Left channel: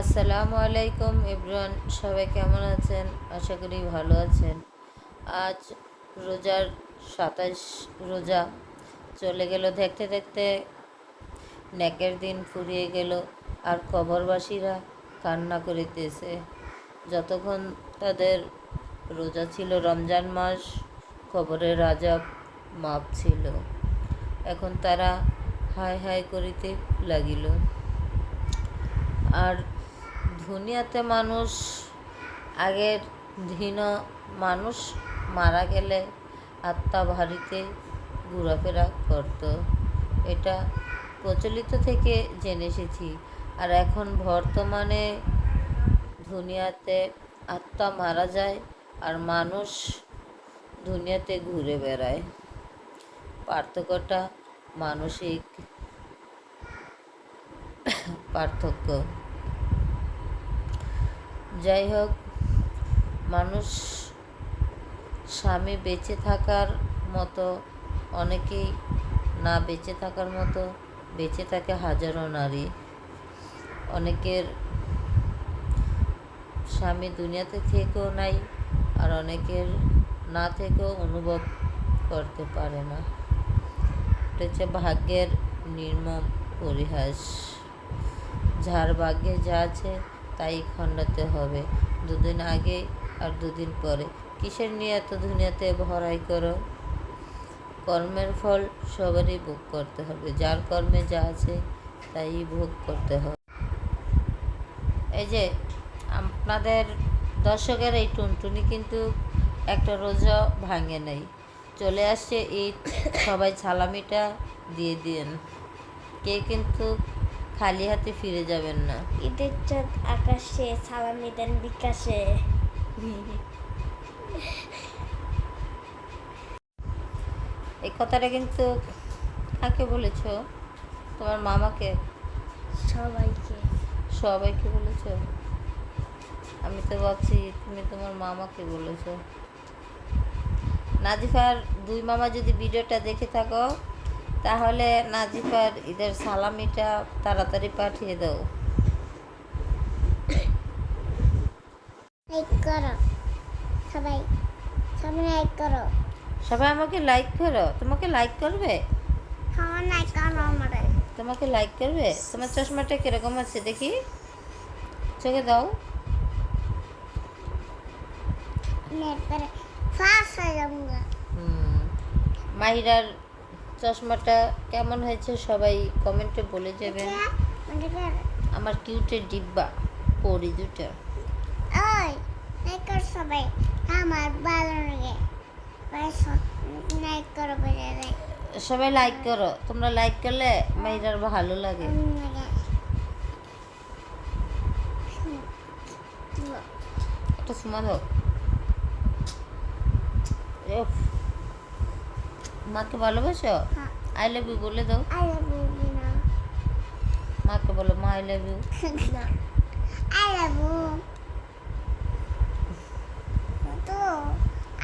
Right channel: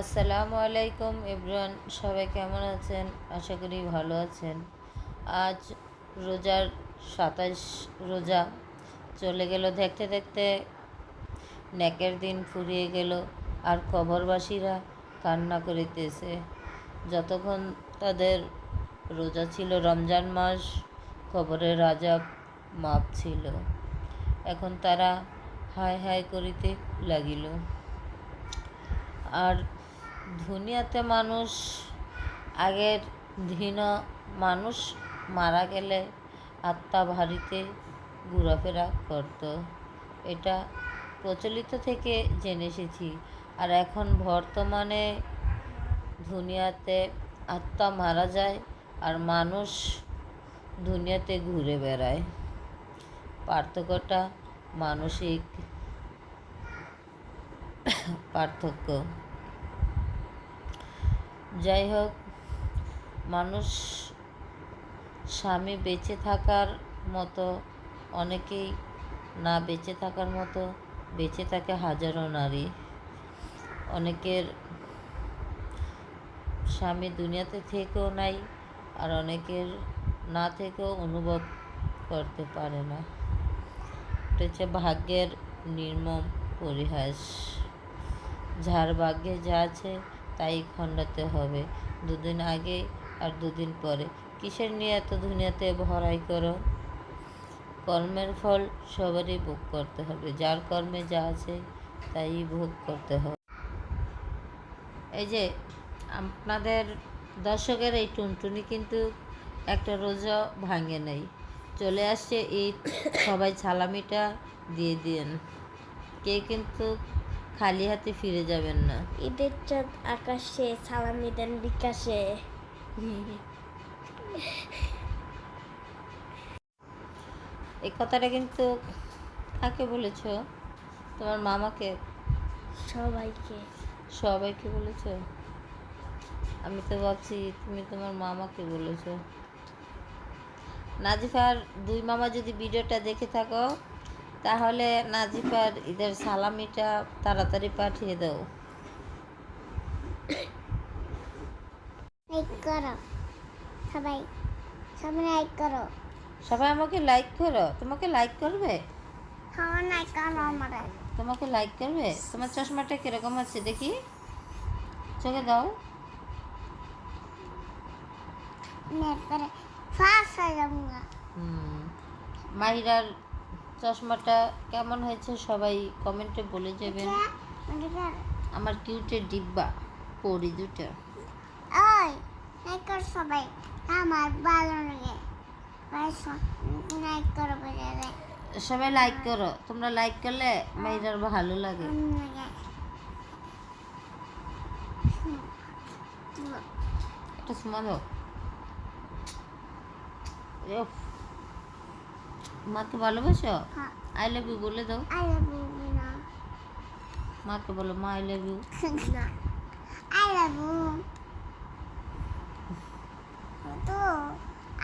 আসসালামু আলাইকুম এভরিওয়ান, সবাই কেমন আছেন? আশা করি ভালো আছেন। আজ রোজার 27 রোজা চলে গেল, দেখতে দেখতে নেকের দিন ফুরিয়ে গেল। আর কবরবাসীরা কান্না করিতেছে। যতক্ষণ তাদের রোজা ছিল, রমজান মাস, কবরের আযাব মাপ ছিল। এখন তারা হায় হায় করিতে লাগিল। আর দুনিয়াতে মানুষ, আগের দিন মানুষ মারা গেলে আত্মা ভারিতে ঘোরাফেরা করত, এটা প্রচলিত থেকে জেনে এসেছি। আর এখন বর্তমানে দুনিয়াতে আত্মা মারা যায় আর মানুষ দুনিয়াতে ঘুরে বেড়ায়। পার্থক্যটা মানসিক পার্থক্য। যাই হোক, মানুষ স্বামী বেঁচে থাকার মতো, অনেকেই না বেঁচে থাকার মতো বেঁচে থাকে হাজারো নারী। অনেকের স্বামী দুনিয়াতে থেকেও নাই, আর অনেকের না থেকেও অনুভব করতে পারে না। এটা হচ্ছে ভাগ্যের নির্মম পরিহাস। যার ভাগ্যে যা আছে তাই খণ্ডাতে হবে, দুদিন আগে আর দুদিন পরে। কিসের নিয়ে এত দুনিয়াতে ভরাই করো? কর্মের ফল সবারই ভোগ করতে হবে, যার কর্মে যা আছে তাই ভোগ করতে হবে। এই যে আপনাদের দর্শকের এই টুনটুনি কিন্তু একটা রোজা ভাঙে নাই, চলে আসছে ঈদ, সবাই সালামিটা দিয়ে দিন। কে কিন্তু খালি হাতে ফিরে যাবেন না। ঈদের চাঁদ আকাশে, সালামি দেন বিকাশে। এই কথাটা কিন্তু কাকে বলেছ? তোমার মামাকে? সবাইকে। সবাইকে বলেছ? আমি তো ভাবছি তুমি তোমার মামাকে বলেছ। নাজিফার দুই মামা যদি ভিডিওটা দেখে থাকো, তাহলে নাজিফার ঈদের সালামিটা তাড়াতাড়ি পাঠিয়ে দাও। লাইক করো সবাই, সবাই লাইক করো। সবাই আমাকে লাইক করো। তোমাকে লাইক করবে? সবাই লাইক করো আমারে। তোমাকে লাইক করবে? তোমার চশমাটা কিরকম আছে দেখি, চোখে দাও। নেট পরে ফাঁস হয়ে যাবো। মাহিরার চশমাটা কেমন হয়েছে সবাই কমেন্টে বলে যাবেন। আমার কিউটের ডিব্বা পরি দুটা। ওই লাইক কর সবাই, আমার ভালো লাগে। লাইক করো বেরে। সবাই লাইক করো, তোমরা লাইক করলে মাহিরার ভালো লাগে। একটা সুমা দাও। মাকে ভালোবাসো? আই লাভ ইউ বলে দাও। আই লাভ ইউ না, মাকে বলো মা আই লাভ ইউ। না আই লাভ ইউ তো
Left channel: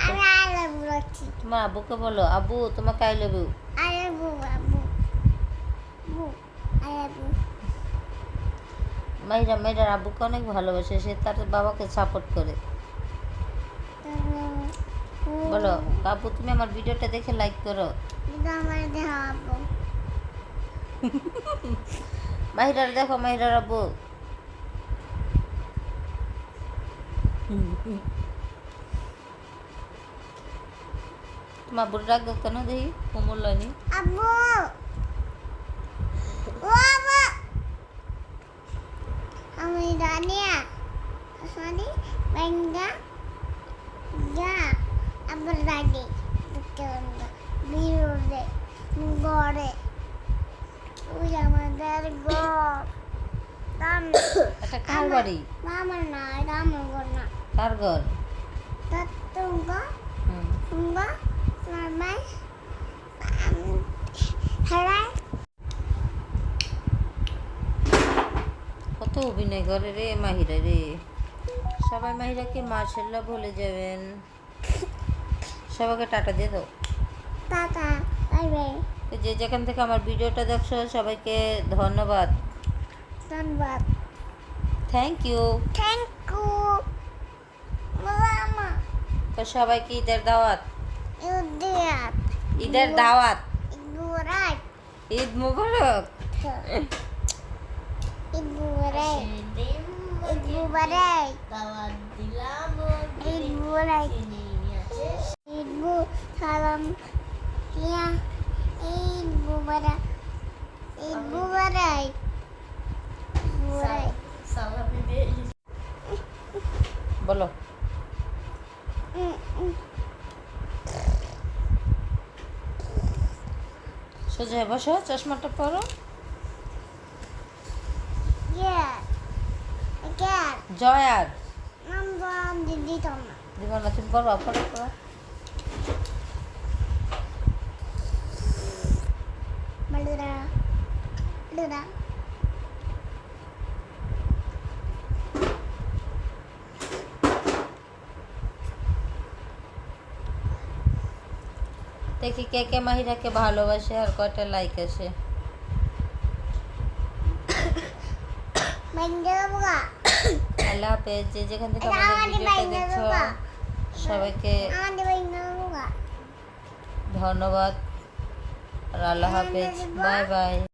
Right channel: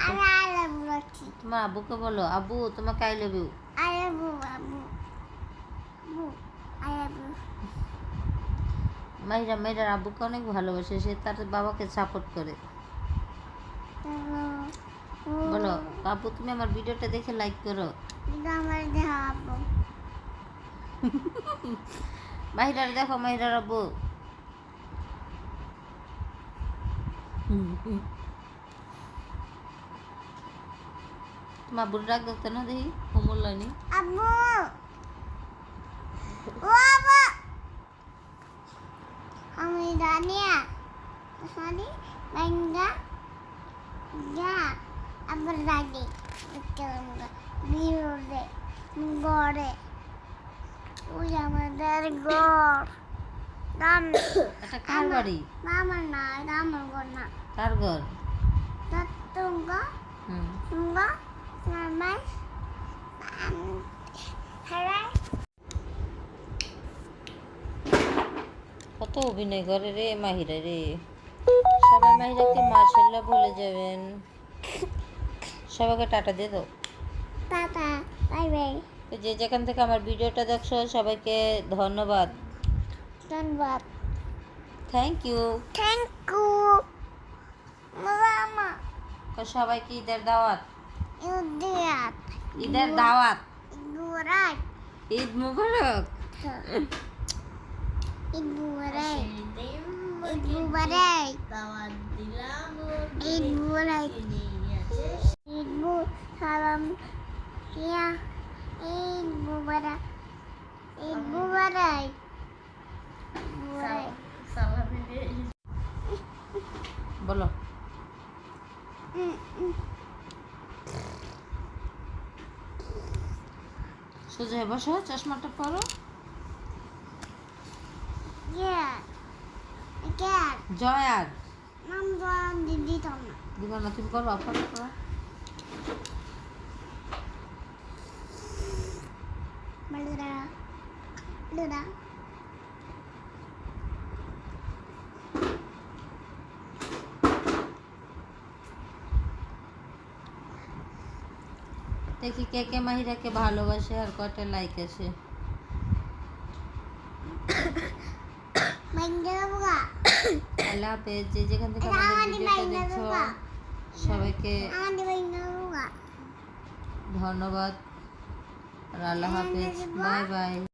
আমি আই লাভ ইউ রাখছি। তোমার আব্বুকে বলো আব্বু তোমাকে I love you. I love you আব্বু, আব্বু আই লাভ ইউ। মাহিরার আব্বুকে অনেক ভালোবাসে, সে তার বাবাকে সাপোর্ট করে। বলো আব্বু তুমি আমার ভিডিওটা দেখে লাইক করো। আমার দেখা আব্বু। মাহিরার দেখো, মাহিরার আব্বু। তোমার আব্বুর ডাক দেখতে না দেখি কুমুল্লানি। আব্বু ও আব্বু, আমি দানিয়া সরি বাঙ্গা যা আবার দাদি বিরোধে গড়ে। ওই আমাদের ঘর এটা কার বাড়ি? আমার না, এটা আমার ঘর না। কার ঘর? তুঙ্গা তুঙ্গা মামাই হারাই। কত অভিনয় করে রে মাহিরা রে। সবাই মাহিরাকে মার্শাল্লাহ বলে যাবেন। সবাইকে টাটা দিয়ে দাও। Tata bye bye. যে যেখান থেকে আমার ভিডিওটা দেখছো সবাইকে ধন্যবাদ। ধন্যবাদ। Thank you. থ্যাংক ইউ মামা তো সবাইকে ঈদের দাওয়াত। ইউদিয়াত ঈদের দাওয়াত। ইগুরাই ঈদ মুবারক। ইগুরাই ইগুরাই দাওয়াত দিলাম ইগুরাই ইগু সালাম কিয়া ইগুরাই ইগুরাই ইগুরাই সালামি দিয়ে বলো। সোজা হয়ে বসো, চশমাটা পরো। Yeah. Again. জয় আর Number দিদি তোমার দিব না, তুমি করো, পরে করো। বলরা বলরা দেখি কে কে মাহিরাকে ভালোবাসে আর কয়টা লাইক আসে। বাইন্দা বুগা আল্লাহ হাফেজ। যে যেখান থেকে এটা আমাদের আমাদের ভিডিওটা বাইন্দা দেখছো বুগা সবাইকে আমাদের বাইন্দা বুগা ধন্যবাদ আর আল্লাহ হাফেজ। Bye bye.